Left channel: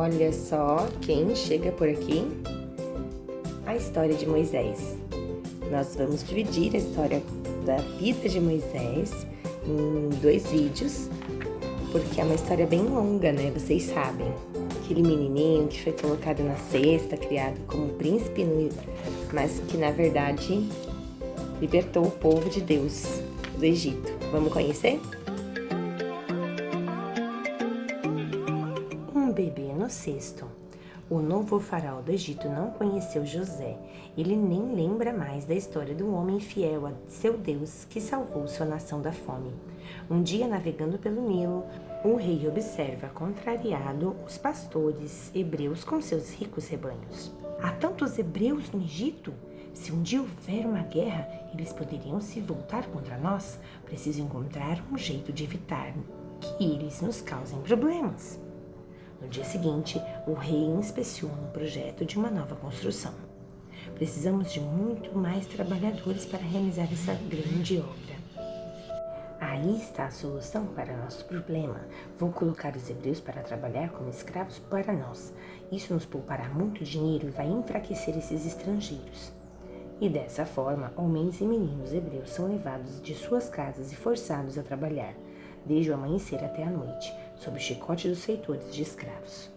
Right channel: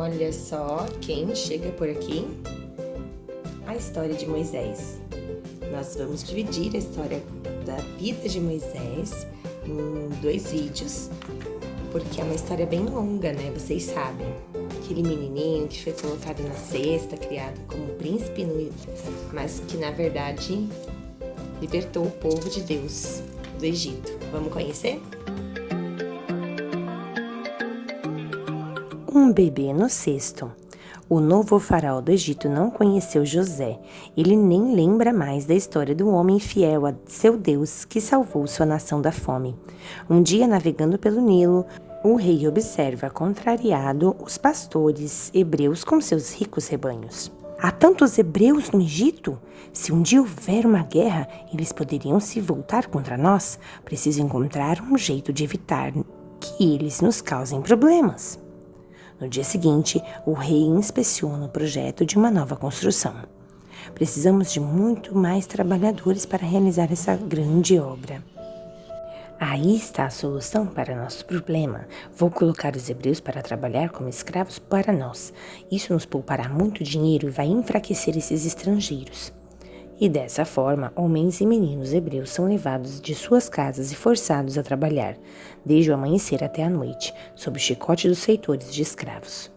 Olha só quem chega por aqui. A história de Moisés. Nós vamos dividir a história da vida de Moisés em 2 vídeos, porque é uma história bem longa, né? Vocês sabem. Aquele menininho que foi colocado na cesta, criado como príncipe, mas que na verdade libertou o povo de Deus do Egito. Vamos conhecer? Um bebê no cesto. O novo faraó do Egito não conheceu José. Ele nem lembra mais da história do homem fiel a seu Deus que salvou sua nação da fome. Um dia, navegando pelo Nilo, o rei observa, contrariado, os pastores hebreus com seus ricos rebanhos. Há tantos hebreus no Egito? Se um dia houver uma guerra, eles poderiam se voltar contra nós. Preciso encontrar um jeito de evitar que eles nos causem problemas. No dia seguinte, o rei inspeciona o projeto de uma nova construção. Precisamos de muito mais trabalhadores para realizar essa grande obra. Aí está a solução para nosso problema. Vou colocar os hebreus para trabalhar como escravos para nós. Isso nos poupará muito dinheiro e vai enfraquecer esses estrangeiros. E dessa forma, homens e meninos hebreus são levados de suas casas e forçados a trabalhar, desde o amanhecer até a noite, sob o chicote dos feitores de escravos.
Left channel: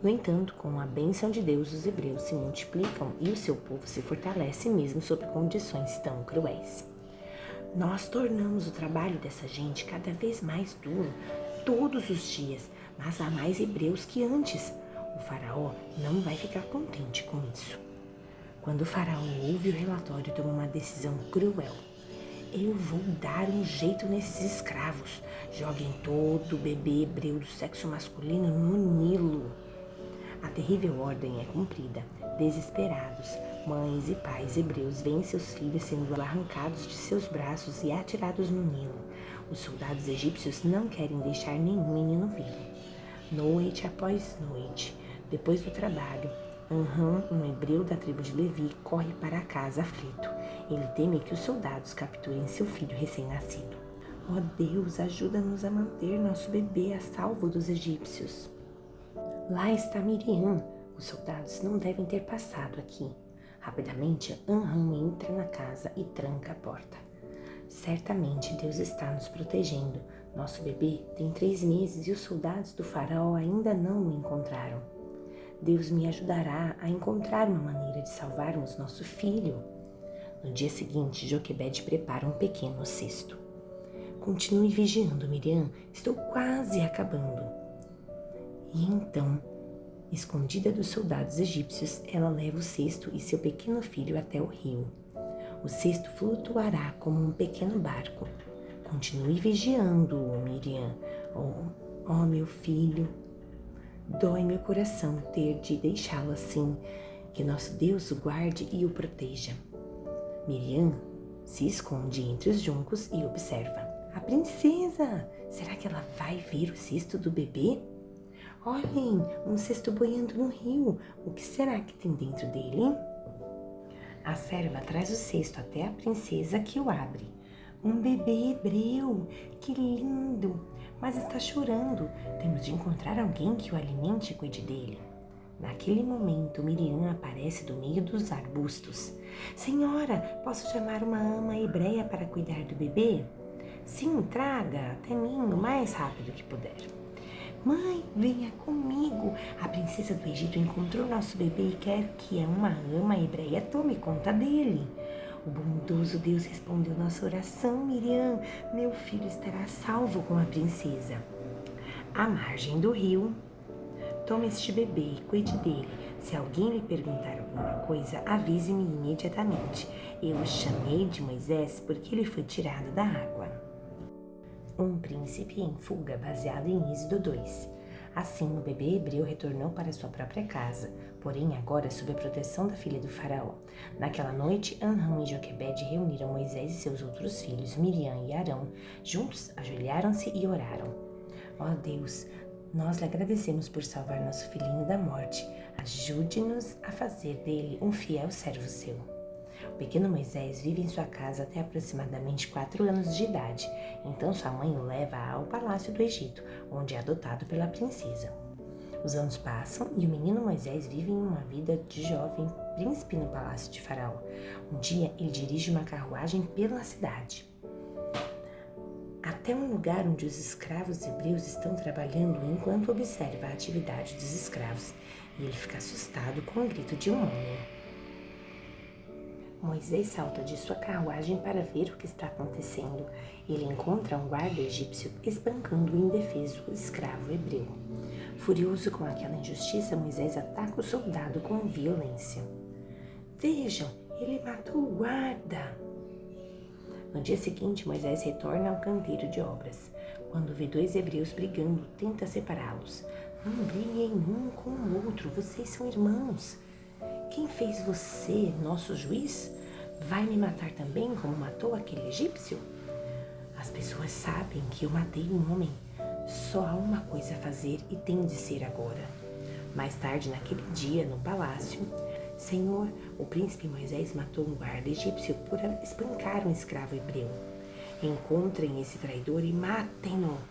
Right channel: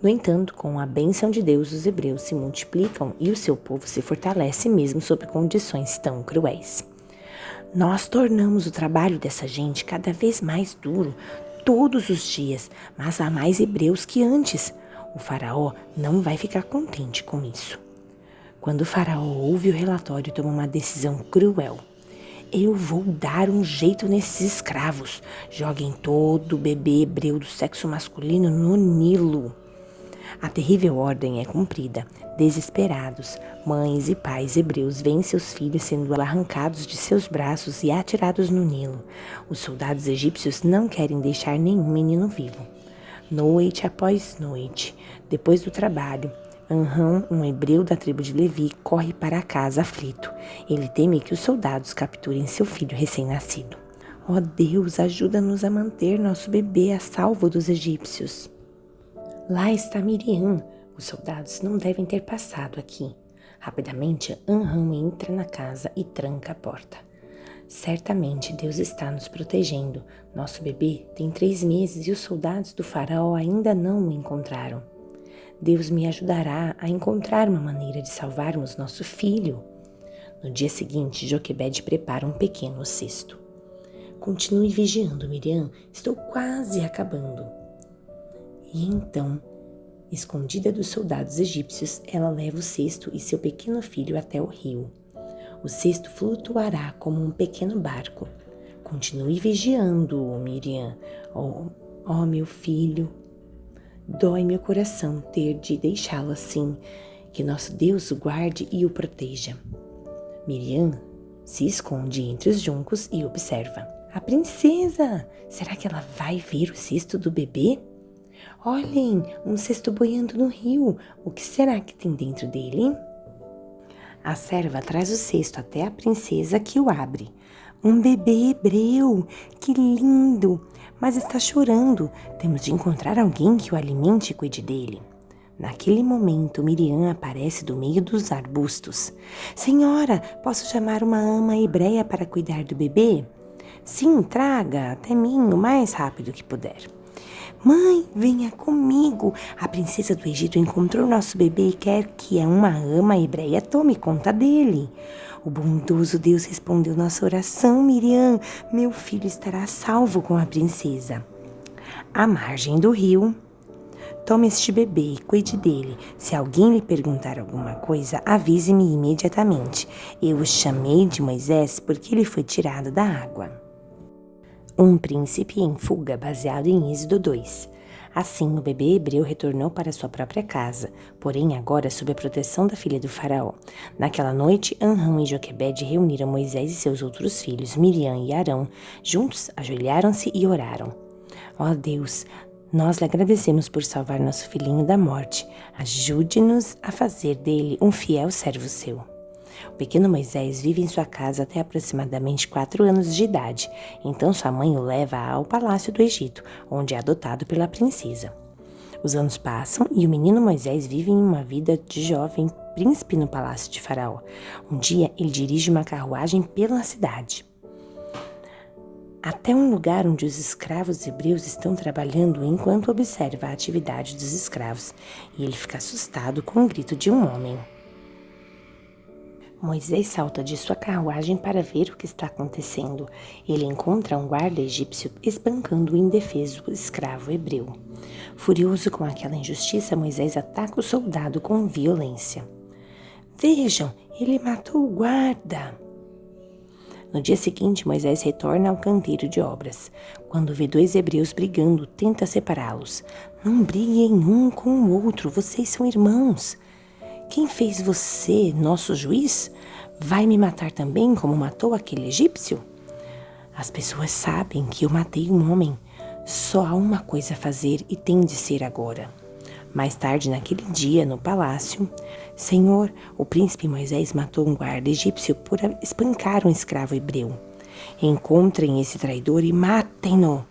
No entanto, com a bênção de Deus, os hebreus se multiplicam e o seu povo se fortalece mesmo sob condições tão cruéis. Nós tornamos o trabalho dessa gente cada vez mais duro, todos os dias, mas há mais hebreus que antes. O faraó não vai ficar contente com isso. Quando o faraó ouve o relatório, toma uma decisão cruel. Eu vou dar um jeito nesses escravos. Joguem todo bebê hebreu do sexo masculino no Nilo. A terrível ordem é cumprida. Desesperados, mães e pais hebreus veem seus filhos sendo arrancados de seus braços e atirados no Nilo. Os soldados egípcios não querem deixar nenhum menino vivo. Noite após noite, depois do trabalho, Anrão, um hebreu da tribo de Levi, corre para casa aflito. Ele teme que os soldados capturem seu filho recém-nascido. Ó Deus, ajuda-nos a manter nosso bebê a salvo dos egípcios. Lá está Miriam. Os soldados não devem ter passado aqui. Rapidamente, Anrão entra na casa e tranca a porta. Certamente Deus está nos protegendo. Nosso bebê tem 3 meses e os soldados do faraó ainda não o encontraram. Deus me ajudará a encontrar uma maneira de salvarmos nosso filho. No dia seguinte, Joquebede prepara um pequeno cesto. Continue vigiando, Miriam. Estou quase acabando. E então, escondida dos soldados egípcios, ela leva o cesto e seu pequeno filho até o rio. O cesto flutuará como um pequeno barco. Continue vigiando, Miriam. Oh, meu filho. Dói meu coração ter de deixá-lo assim. Que nosso Deus o guarde e o proteja. Miriam se esconde entre os juncos e observa. A princesa! Será que ela vai ver o cesto do bebê? Olhem, um cesto boiando no rio. O que será que tem dentro dele? A serva traz o cesto até a princesa, que o abre. Um bebê hebreu! Que lindo! Mas está chorando. Temos de encontrar alguém que o alimente e cuide dele. Naquele momento, Miriam aparece do meio dos arbustos. Senhora, posso chamar uma ama hebreia para cuidar do bebê? Sim, traga até mim o mais rápido que puder. Mãe, venha comigo. A princesa do Egito encontrou nosso bebê e quer que uma ama hebreia tome conta dele. O bondoso Deus respondeu nossa oração, Miriam. Meu filho estará salvo com a princesa. À margem do rio, tome este bebê e cuide dele. Se alguém lhe perguntar alguma coisa, avise-me imediatamente. Eu o chamei de Moisés porque ele foi tirado da água. Um príncipe em fuga, baseado em Êxodo 2. Assim, o bebê hebreu retornou para sua própria casa, porém agora sob a proteção da filha do faraó. Naquela noite, Anrão e Joquebede reuniram Moisés e seus outros filhos, Miriam e Arão. Juntos, ajoelharam-se e oraram. Ó Deus, nós lhe agradecemos por salvar nosso filhinho da morte. Ajude-nos a fazer dele um fiel servo seu. O pequeno Moisés vive em sua casa até aproximadamente 4 anos de idade. Então sua mãe o leva ao palácio do Egito, onde é adotado pela princesa. Os anos passam e o menino Moisés vive em uma vida de jovem príncipe no palácio de Faraó. Um dia, ele dirige uma carruagem pela cidade, até um lugar onde os escravos hebreus estão trabalhando enquanto observa a atividade dos escravos, e ele fica assustado com o grito de um homem. Moisés salta de sua carruagem para ver o que está acontecendo. Ele encontra um guarda egípcio espancando o indefeso escravo hebreu. Furioso com aquela injustiça, Moisés ataca o soldado com violência. Vejam, ele matou o guarda! No dia seguinte, Moisés retorna ao canteiro de obras. Quando vê dois hebreus brigando, tenta separá-los. Não briguem um com o outro, vocês são irmãos. Quem fez você, nosso juiz? Vai me matar também como matou aquele egípcio? As pessoas sabem que eu matei um homem. Só há uma coisa a fazer e tem de ser agora. Mais tarde, naquele dia, no palácio, Senhor, o príncipe Moisés matou um guarda egípcio por espancar um escravo hebreu. Encontrem esse traidor e matem-no.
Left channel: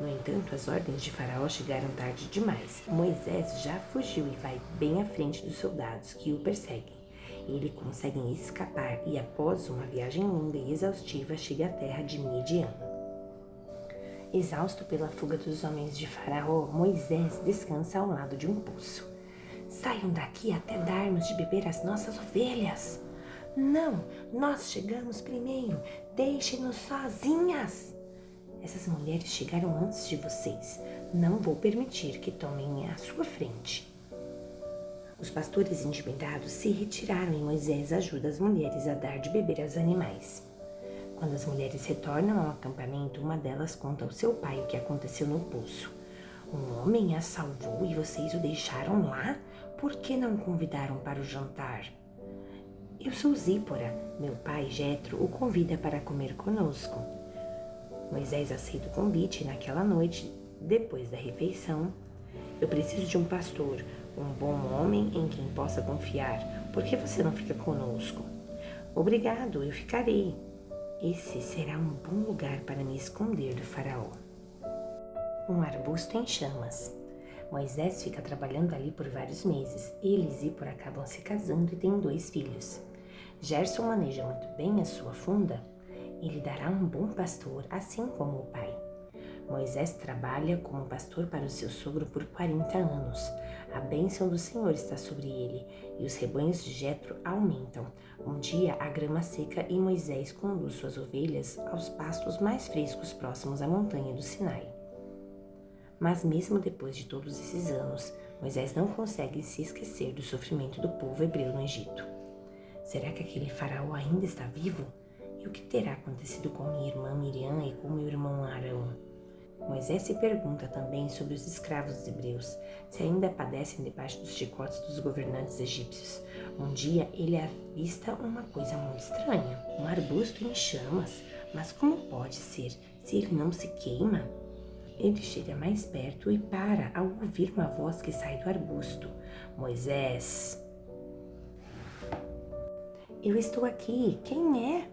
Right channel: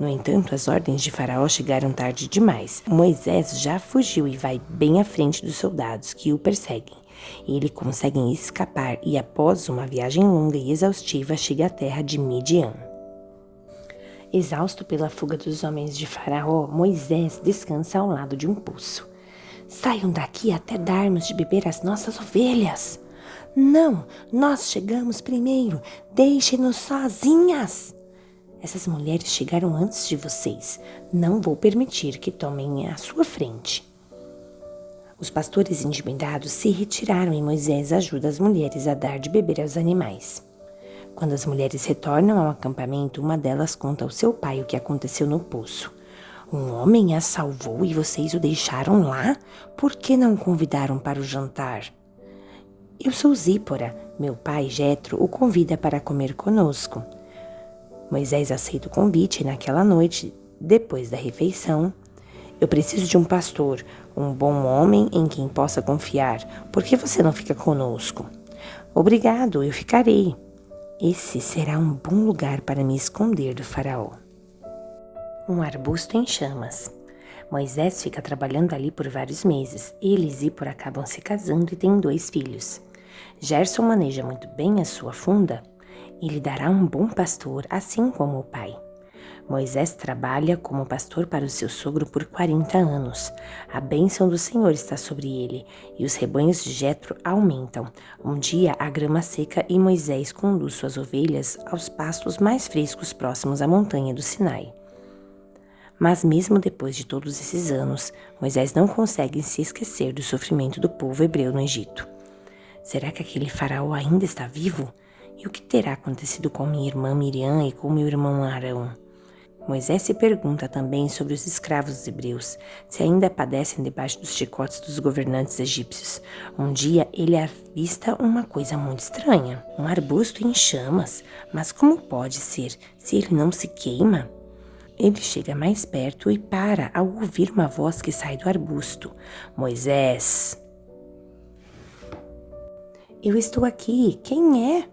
No entanto, as ordens de Faraó chegaram tarde demais. Moisés já fugiu e vai bem à frente dos soldados que o perseguem. Ele consegue escapar e, após uma viagem longa e exaustiva, chega à terra de Midian. Exausto pela fuga dos homens de Faraó, Moisés descansa ao lado de um poço. Saiam daqui até darmos de beber às nossas ovelhas. Não, nós chegamos primeiro. Deixem-nos sozinhas. Essas mulheres chegaram antes de vocês. Não vou permitir que tomem a sua frente. Os pastores intimidados se retiraram e Moisés ajuda as mulheres a dar de beber aos animais. Quando as mulheres retornam ao acampamento, uma delas conta ao seu pai o que aconteceu no poço. Um homem a salvou e vocês o deixaram lá? Por que não o convidaram para o jantar? Eu sou Zípora. Meu pai, Jetro, o convida para comer conosco. Moisés aceita o convite e naquela noite, depois da refeição, eu preciso de um pastor, um bom homem em quem possa confiar. Por que você não fica conosco? Obrigado, eu ficarei. Esse será um bom lugar para me esconder do faraó. Um arbusto em chamas. Moisés fica trabalhando ali por vários meses. Ele e Zípora acabam se casando e têm 2 filhos. Gerson maneja muito bem a sua funda. Ele dará um bom pastor, assim como o pai. Moisés trabalha como pastor para o seu sogro por 40 anos. A bênção do Senhor está sobre ele, e os rebanhos de Jetro aumentam. Um dia a grama seca e Moisés conduz suas ovelhas aos pastos mais frescos próximos à montanha do Sinai. Mas mesmo depois de todos esses anos, Moisés não consegue se esquecer do sofrimento do povo hebreu no Egito. Será que aquele faraó ainda está vivo? E o que terá acontecido com minha irmã Miriam e com meu irmão Arão? Moisés se pergunta também sobre os escravos hebreus, se ainda padecem debaixo dos chicotes dos governantes egípcios. Um dia ele avista uma coisa muito estranha, um arbusto em chamas. Mas como pode ser, se ele não se queima? Ele chega mais perto e para ao ouvir uma voz que sai do arbusto. Moisés! Eu estou aqui, quem é?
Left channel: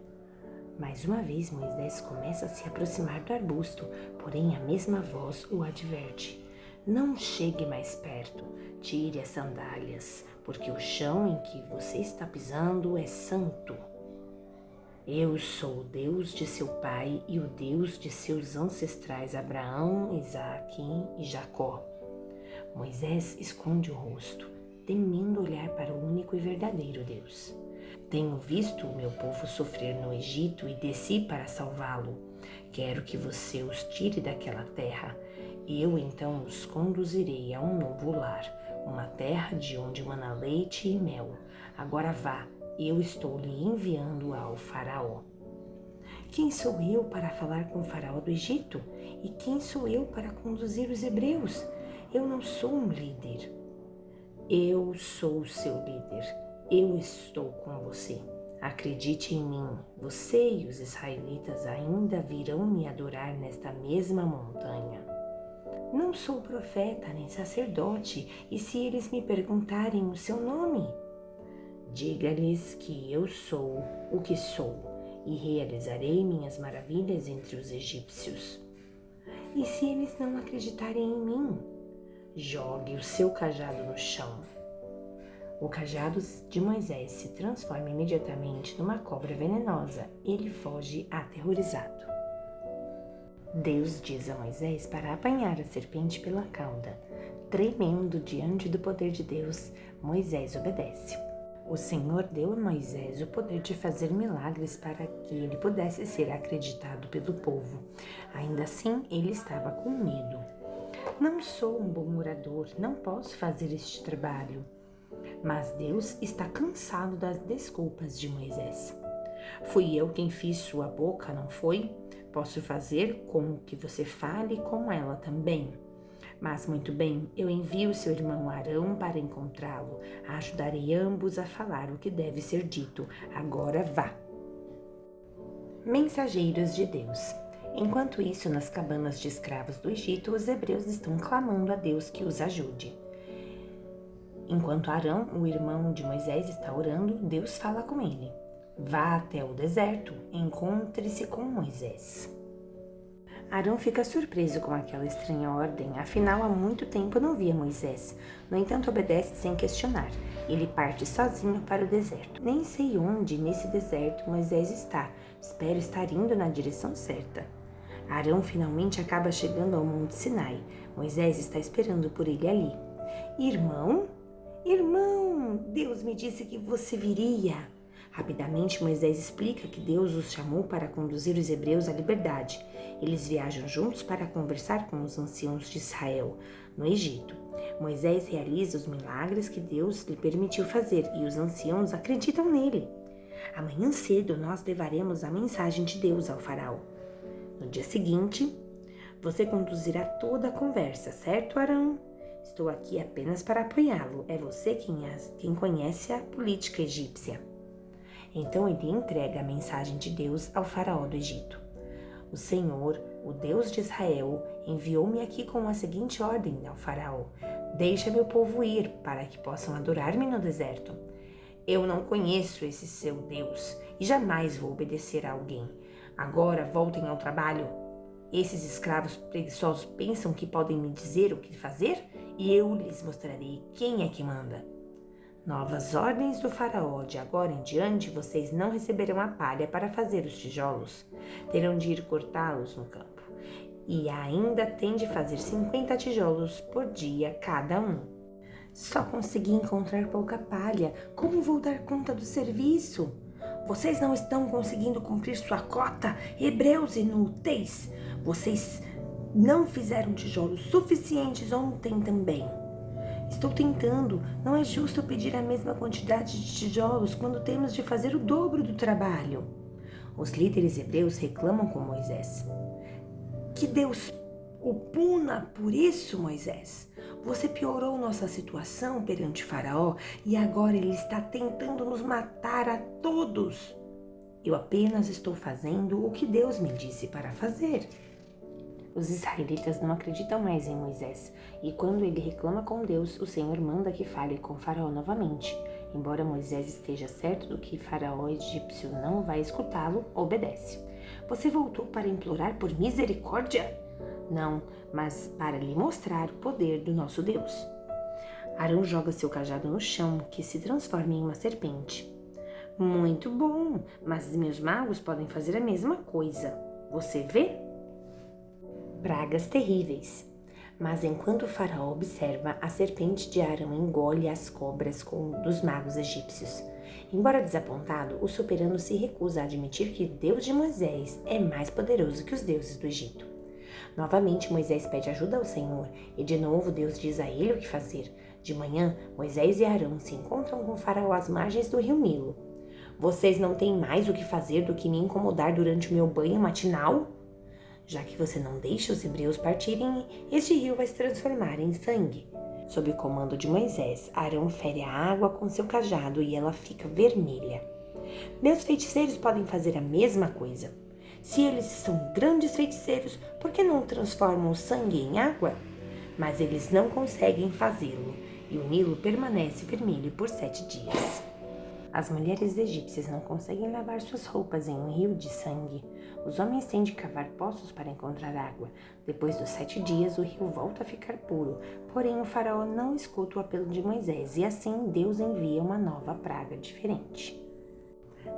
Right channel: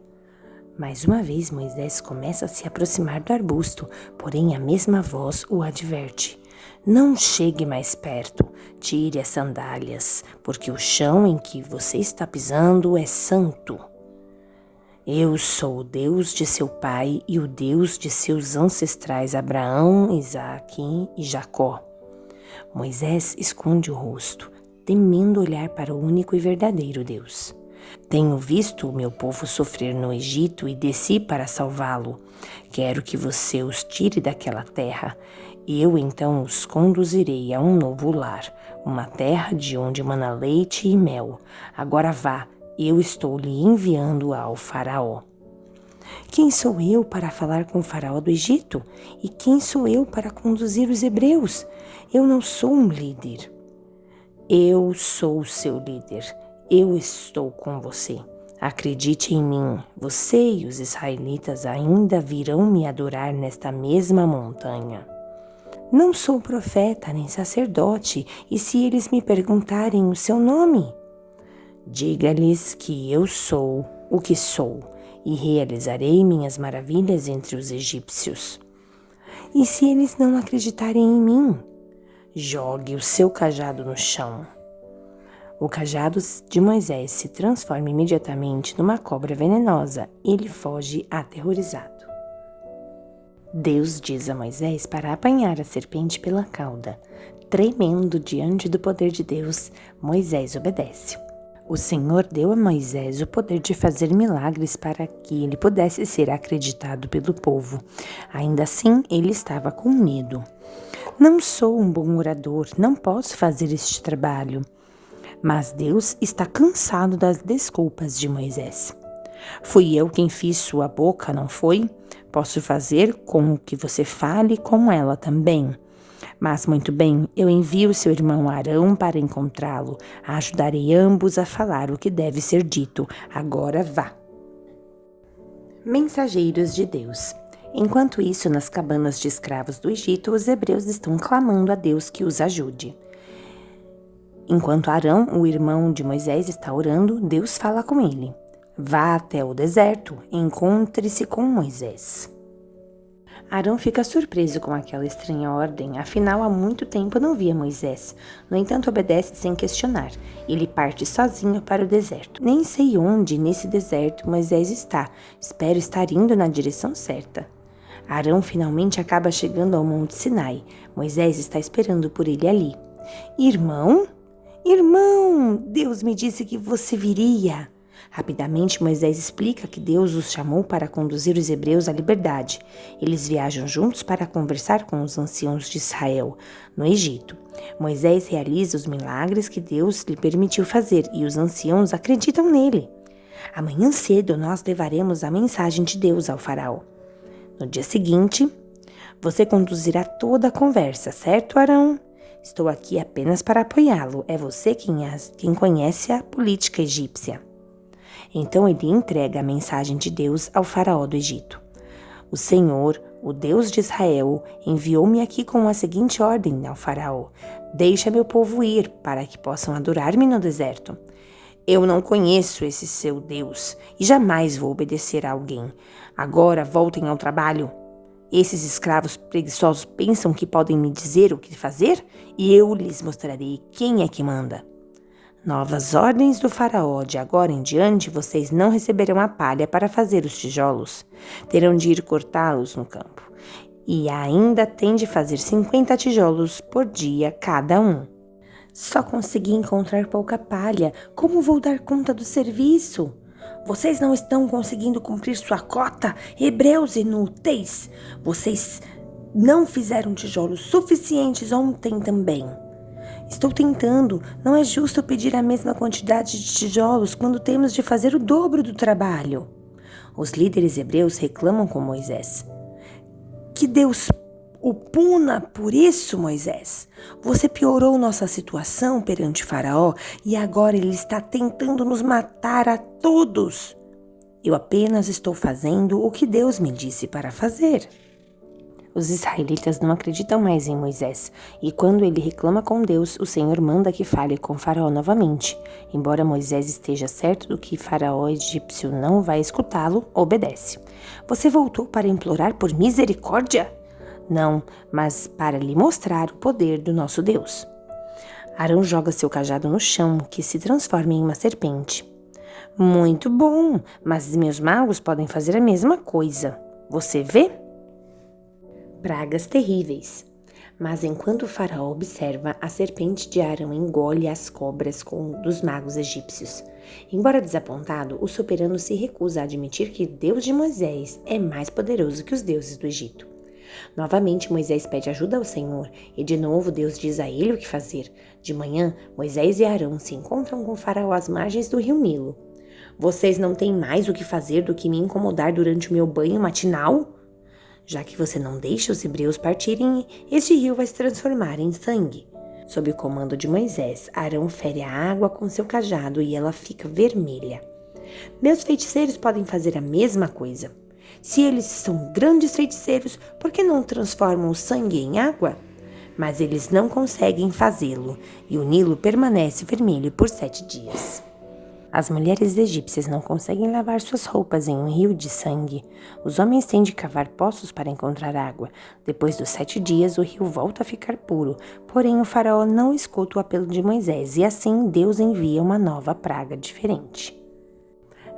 Mais uma vez, Moisés começa a se aproximar do arbusto, porém a mesma voz o adverte. Não chegue mais perto, tire as sandálias, porque o chão em que você está pisando é santo. Eu sou o Deus de seu pai e o Deus de seus ancestrais Abraão, Isaque e Jacó. Moisés esconde o rosto, temendo olhar para o único e verdadeiro Deus. Tenho visto o meu povo sofrer no Egito e desci para salvá-lo. Quero que você os tire daquela terra. Eu então os conduzirei a um novo lar, uma terra de onde mana leite e mel. Agora vá, eu estou lhe enviando ao faraó. Quem sou eu para falar com o faraó do Egito? E quem sou eu para conduzir os hebreus? Eu não sou um líder. Eu sou o seu líder. Eu estou com você. Acredite em mim, você e os israelitas ainda virão me adorar nesta mesma montanha. Não sou profeta nem sacerdote, e se eles me perguntarem o seu nome? Diga-lhes que eu sou o que sou, e realizarei minhas maravilhas entre os egípcios. E se eles não acreditarem em mim? Jogue o seu cajado no chão. O cajado de Moisés se transforma imediatamente numa cobra venenosa e ele foge aterrorizado. Deus diz a Moisés para apanhar a serpente pela cauda. Tremendo diante do poder de Deus, Moisés obedece. O Senhor deu a Moisés o poder de fazer milagres para que ele pudesse ser acreditado pelo povo. Ainda assim, ele estava com medo. Não sou um bom orador, não posso fazer este trabalho. Mas Deus está cansado das desculpas de Moisés. Fui eu quem fiz sua boca, não foi? Posso fazer com que você fale com ela também. Mas muito bem, eu envio seu irmão Arão para encontrá-lo. Ajudarei ambos a falar o que deve ser dito. Agora vá. Mensageiros de Deus. Enquanto isso, nas cabanas de escravos do Egito, os hebreus estão clamando a Deus que os ajude. Enquanto Arão, o irmão de Moisés, está orando, Deus fala com ele. Vá até o deserto e encontre-se com Moisés. Arão fica surpreso com aquela estranha ordem, afinal há muito tempo não via Moisés. No entanto, obedece sem questionar. Ele parte sozinho para o deserto. Nem sei onde nesse deserto Moisés está. Espero estar indo na direção certa. Arão finalmente acaba chegando ao Monte Sinai. Moisés está esperando por ele ali. Irmão? Irmão, Deus me disse que você viria. Rapidamente, Moisés explica que Deus os chamou para conduzir os hebreus à liberdade. Eles viajam juntos para conversar com os anciãos de Israel, no Egito. Moisés realiza os milagres que Deus lhe permitiu fazer e os anciãos acreditam nele. Amanhã cedo nós levaremos a mensagem de Deus ao faraó. No dia seguinte, você conduzirá toda a conversa, certo, Arão? Estou aqui apenas para apoiá-lo. É você quem conhece a política egípcia. Então ele entrega a mensagem de Deus ao faraó do Egito. O Senhor, o Deus de Israel, enviou-me aqui com a seguinte ordem ao faraó. Deixa meu povo ir, para que possam adorar-me no deserto. Eu não conheço esse seu Deus e jamais vou obedecer a alguém. Agora voltem ao trabalho. Esses escravos preguiçosos pensam que podem me dizer o que fazer e eu lhes mostrarei quem é que manda. Novas ordens do faraó, de agora em diante vocês não receberão a palha para fazer os tijolos. Terão de ir cortá-los no campo. E ainda têm de fazer 50 tijolos por dia cada um. Só consegui encontrar pouca palha. Como vou dar conta do serviço? Vocês não estão conseguindo cumprir sua cota? Hebreus inúteis! Vocês não fizeram tijolos suficientes ontem também. Estou tentando. Não é justo pedir a mesma quantidade de tijolos quando temos de fazer o dobro do trabalho. Os líderes hebreus reclamam com Moisés. Que Deus o puna por isso, Moisés. Você piorou nossa situação perante Faraó e agora ele está tentando nos matar a todos. Eu apenas estou fazendo o que Deus me disse para fazer. Os israelitas não acreditam mais em Moisés, e quando ele reclama com Deus, o Senhor manda que fale com Faraó novamente. Embora Moisés esteja certo do que Faraó egípcio não vai escutá-lo, obedece. Você voltou para implorar por misericórdia? Não, mas para lhe mostrar o poder do nosso Deus. Arão joga seu cajado no chão, que se transforma em uma serpente. Muito bom, mas meus magos podem fazer a mesma coisa. Você vê? Pragas terríveis. Mas enquanto o faraó observa, a serpente de Arão engole as cobras dos magos egípcios. Embora desapontado, o soberano se recusa a admitir que o Deus de Moisés é mais poderoso que os deuses do Egito. Novamente, Moisés pede ajuda ao Senhor e de novo Deus diz a ele o que fazer. De manhã, Moisés e Arão se encontram com o faraó às margens do rio Nilo. Vocês não têm mais o que fazer do que me incomodar durante o meu banho matinal? Já que você não deixa os hebreus partirem, este rio vai se transformar em sangue. Sob o comando de Moisés, Arão fere a água com seu cajado e ela fica vermelha. Meus feiticeiros podem fazer a mesma coisa. Se eles são grandes feiticeiros, por que não transformam o sangue em água? Mas eles não conseguem fazê-lo, e o Nilo permanece vermelho por 7 dias. As mulheres egípcias não conseguem lavar suas roupas em um rio de sangue. Os homens têm de cavar poços para encontrar água. Depois dos 7 dias, o rio volta a ficar puro. Porém, o faraó não escuta o apelo de Moisés e assim Deus envia uma nova praga diferente.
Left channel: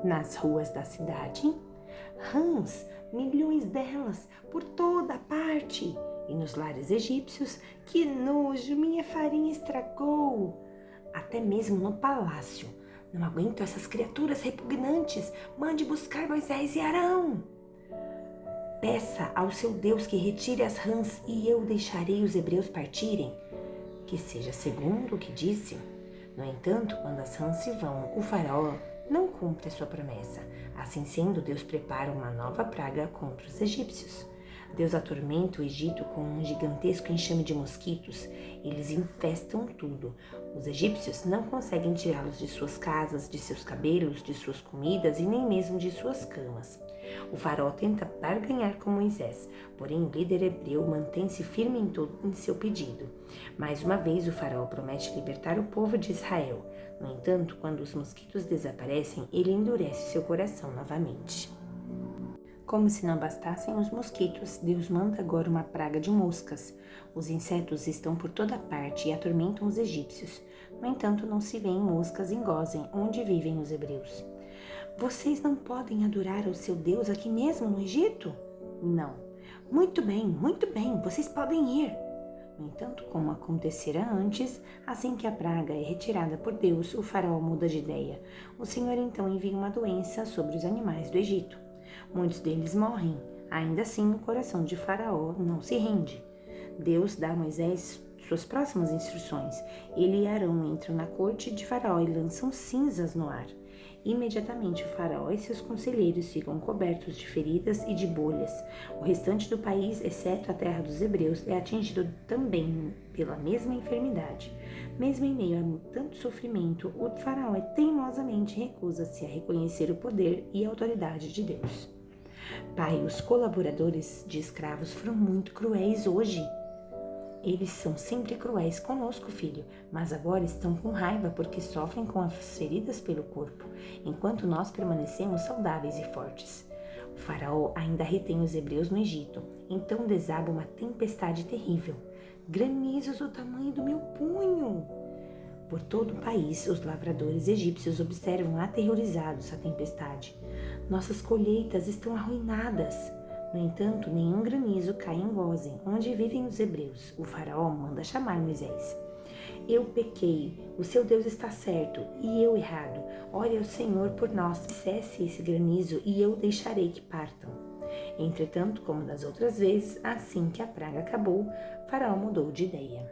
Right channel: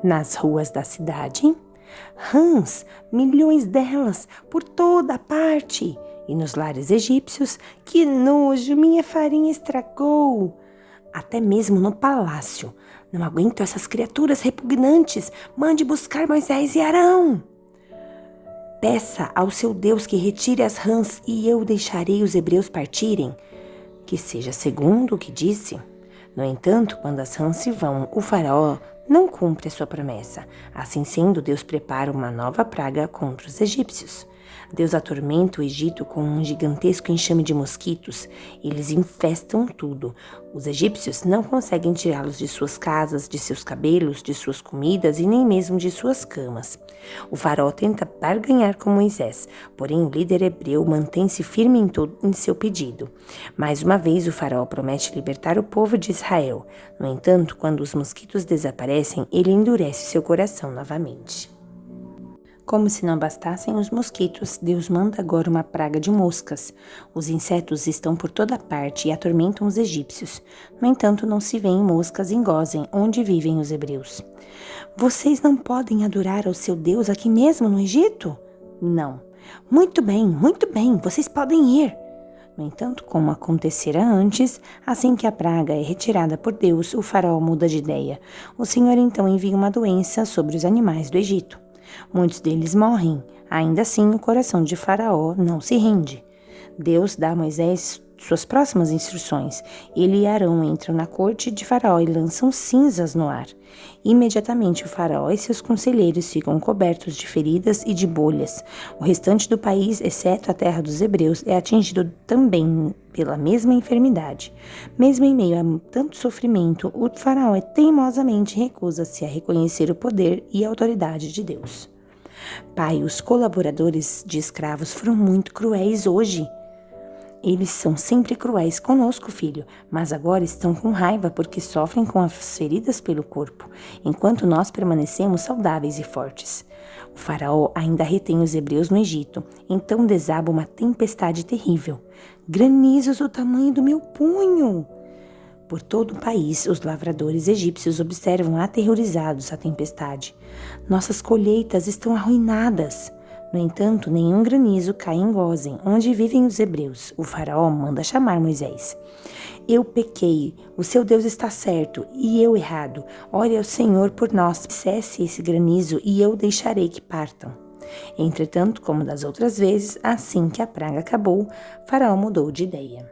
Nas ruas da cidade, rãs, milhões delas, por toda parte. E nos lares egípcios, que nojo, minha farinha estragou. Até mesmo no palácio. Não aguento essas criaturas repugnantes. Mande buscar Moisés e Arão. Peça ao seu Deus que retire as rãs e eu deixarei os hebreus partirem. Que seja segundo o que disse. No entanto, quando as rãs se vão, o faraó não cumpre a sua promessa. Assim sendo, Deus prepara uma nova praga contra os egípcios. Deus atormenta o Egito com um gigantesco enxame de mosquitos. Eles infestam tudo. Os egípcios não conseguem tirá-los de suas casas, de seus cabelos, de suas comidas e nem mesmo de suas camas. O faraó tenta barganhar com Moisés, porém o líder hebreu mantém-se firme em seu pedido. Mais uma vez, o faraó promete libertar o povo de Israel. No entanto, quando os mosquitos desaparecem, ele endurece seu coração novamente. Como se não bastassem os mosquitos, Deus manda agora uma praga de moscas. Os insetos estão por toda parte e atormentam os egípcios. No entanto, não se vêem moscas em Gósen, onde vivem os hebreus. Vocês não podem adorar ao seu Deus aqui mesmo no Egito? Não. Muito bem, vocês podem ir. No entanto, como acontecera antes, assim que a praga é retirada por Deus, o faraó muda de ideia. O Senhor então envia uma doença sobre os animais do Egito. Muitos deles morrem. Ainda assim, o coração de Faraó não se rende. Deus dá a Moisés suas próximas instruções. Ele e Arão entram na corte de Faraó e lançam cinzas no ar. Imediatamente, o Faraó e seus conselheiros ficam cobertos de feridas e de bolhas. O restante do país, exceto a terra dos hebreus, é atingido também pela mesma enfermidade. Mesmo em meio a tanto sofrimento, o Faraó teimosamente recusa-se a reconhecer o poder e a autoridade de Deus. Pai, os colaboradores de escravos foram muito cruéis hoje. Eles são sempre cruéis conosco, filho, mas agora estão com raiva porque sofrem com as feridas pelo corpo, enquanto nós permanecemos saudáveis e fortes. O faraó ainda retém os hebreus no Egito, então desaba uma tempestade terrível. Granizos do tamanho do meu punho! Por todo o país, os lavradores egípcios observam aterrorizados a tempestade. Nossas colheitas estão arruinadas. No entanto, nenhum granizo cai em Gósen, onde vivem os hebreus. O faraó manda chamar Moisés. Eu pequei, o seu Deus está certo, e eu errado. Ore ao Senhor por nós, cesse esse granizo, e eu deixarei que partam. Entretanto, como das outras vezes, assim que a praga acabou, Faraó mudou de ideia.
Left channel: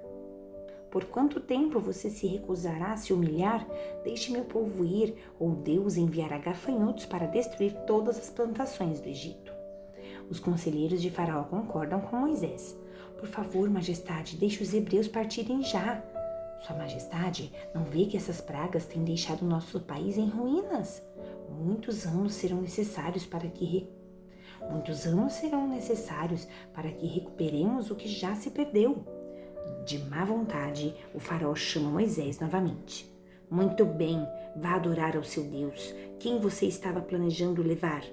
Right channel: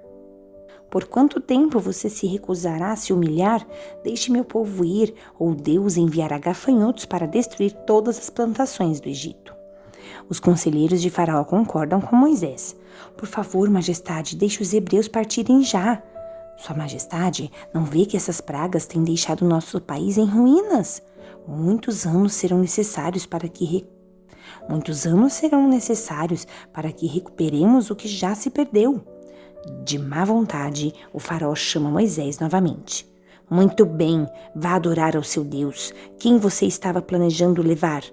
Por quanto tempo você se recusará a se humilhar? Deixe meu povo ir, ou Deus enviará gafanhotos para destruir todas as plantações do Egito. Os conselheiros de Faraó concordam com Moisés. Por favor, majestade, deixe os hebreus partirem já. Sua majestade, não vê que essas pragas têm deixado nosso país em ruínas? Muitos anos serão necessários para que recuperemos o que já se perdeu. De má vontade, o faraó chama Moisés novamente. Muito bem, vá adorar ao seu Deus. Quem você estava planejando levar?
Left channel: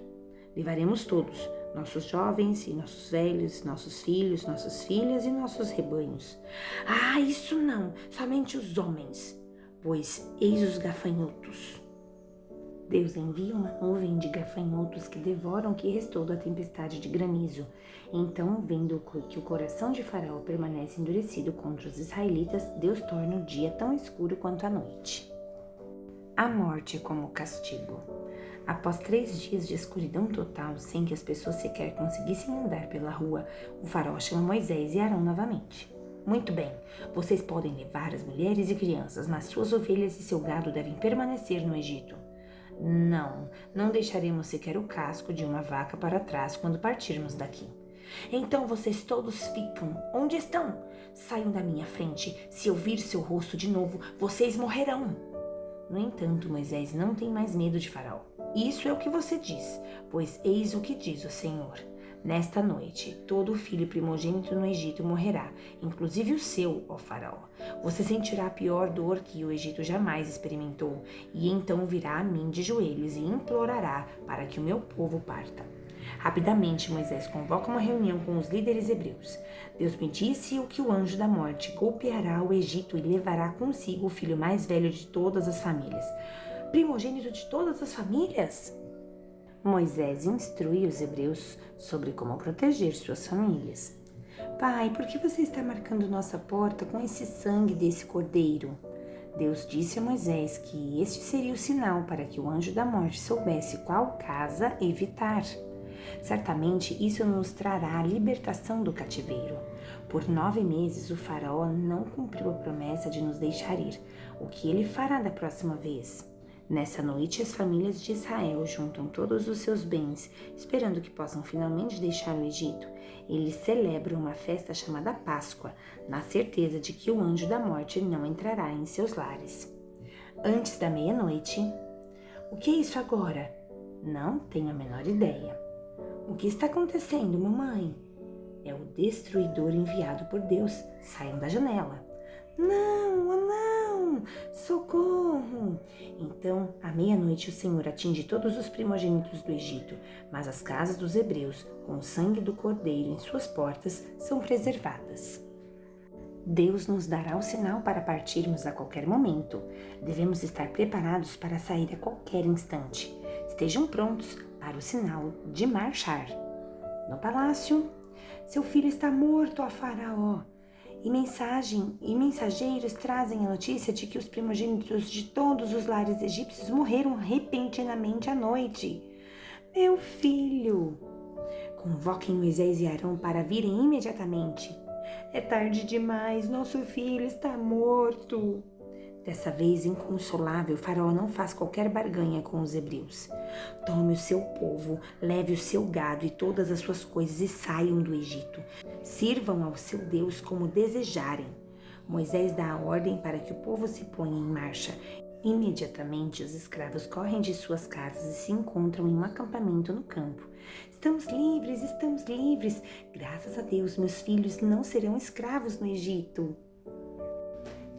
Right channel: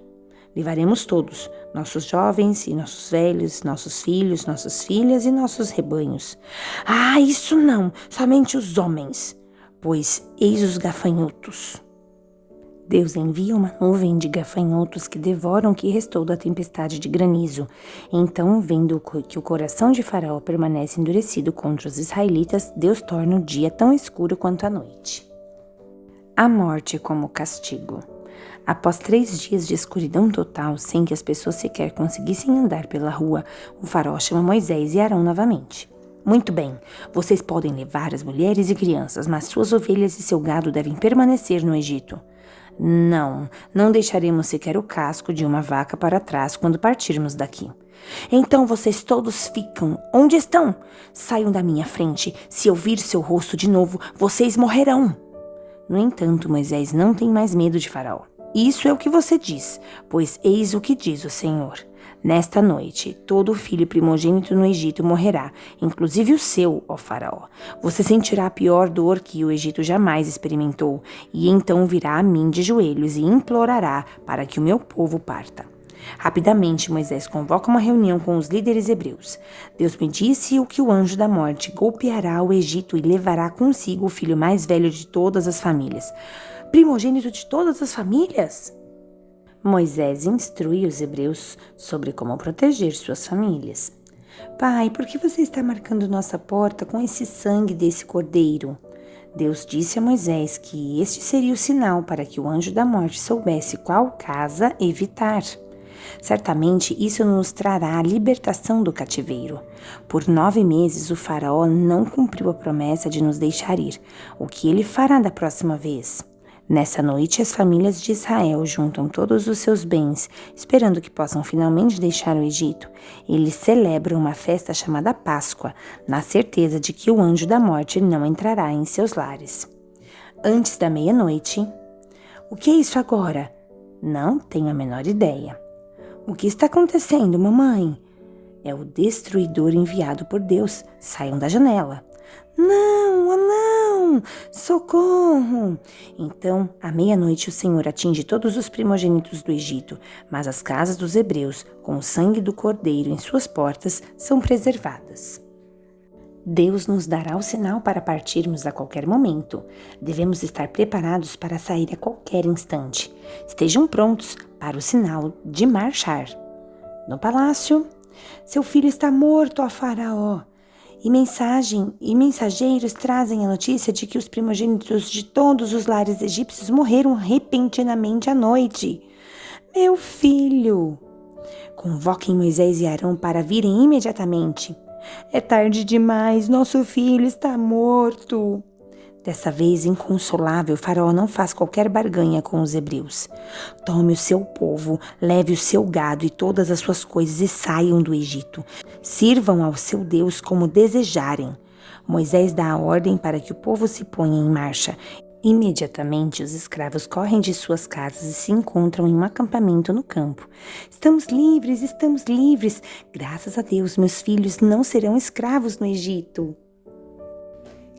Levaremos todos, nossos jovens e nossos velhos, nossos filhos, nossas filhas e nossos rebanhos. Ah, isso não, somente os homens, pois eis os gafanhotos. Deus envia uma nuvem de gafanhotos que devoram o que restou da tempestade de granizo. Então, vendo que o coração de Faraó permanece endurecido contra os israelitas, Deus torna o dia tão escuro quanto a noite. A morte como castigo. Após 3 dias de escuridão total, sem que as pessoas sequer conseguissem andar pela rua, o faraó chama Moisés e Arão novamente. Muito bem, vocês podem levar as mulheres e crianças, mas suas ovelhas e seu gado devem permanecer no Egito. Não deixaremos sequer o casco de uma vaca para trás quando partirmos daqui. Então vocês todos ficam. Onde estão? Saiam da minha frente. Se eu vir seu rosto de novo, vocês morrerão. No entanto, Moisés não tem mais medo de Faraó. Isso é o que você diz, pois eis o que diz o Senhor. Nesta noite, todo filho primogênito no Egito morrerá, inclusive o seu, ó Faraó. Você sentirá a pior dor que o Egito jamais experimentou, e então virá a mim de joelhos e implorará para que o meu povo parta. Rapidamente, Moisés convoca uma reunião com os líderes hebreus. Deus me disse que o anjo da morte golpeará o Egito e levará consigo o filho mais velho de todas as famílias. Primogênito de todas as famílias? Moisés instrui os hebreus sobre como proteger suas famílias. Pai, por que você está marcando nossa porta com esse sangue desse cordeiro? Deus disse a Moisés que este seria o sinal para que o anjo da morte soubesse qual casa evitar. Certamente isso nos trará a libertação do cativeiro. Por 9 meses o faraó não cumpriu a promessa de nos deixar ir. O que ele fará da próxima vez? Nessa noite, as famílias de Israel juntam todos os seus bens, esperando que possam finalmente deixar o Egito. Eles celebram uma festa chamada Páscoa, na certeza de que o anjo da morte não entrará em seus lares. Antes da meia-noite... O que é isso agora? Não tenho a menor ideia. O que está acontecendo, mamãe? É o destruidor enviado por Deus. Saiam da janela. Não, oh não! Socorro! Então, à meia-noite, o Senhor atinge todos os primogênitos do Egito, mas as casas dos hebreus, com o sangue do cordeiro em suas portas, são preservadas. Deus nos dará o sinal para partirmos a qualquer momento. Devemos estar preparados para sair a qualquer instante. Estejam prontos para o sinal de marchar. No palácio, seu filho está morto, ó Faraó. E mensageiros trazem a notícia de que os primogênitos de todos os lares egípcios morreram repentinamente à noite. Meu filho! Convoquem Moisés e Arão para virem imediatamente. É tarde demais, nosso filho está morto. Dessa vez, inconsolável, Faraó não faz qualquer barganha com os hebreus. Tome o seu povo, leve o seu gado e todas as suas coisas e saiam do Egito. Sirvam ao seu Deus como desejarem. Moisés dá a ordem para que o povo se ponha em marcha. Imediatamente, os escravos correm de suas casas e se encontram em um acampamento no campo. Estamos livres, estamos livres. Graças a Deus, meus filhos não serão escravos no Egito.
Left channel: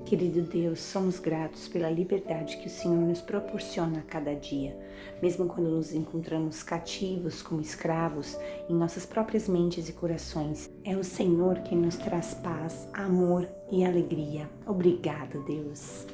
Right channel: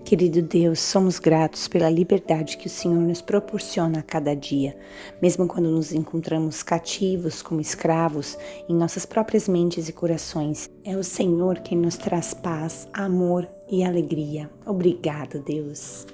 Querido Deus, somos gratos pela liberdade que o Senhor nos proporciona a cada dia, mesmo quando nos encontramos cativos como escravos em nossas próprias mentes e corações. É o Senhor quem nos traz paz, amor e alegria. Obrigada, Deus.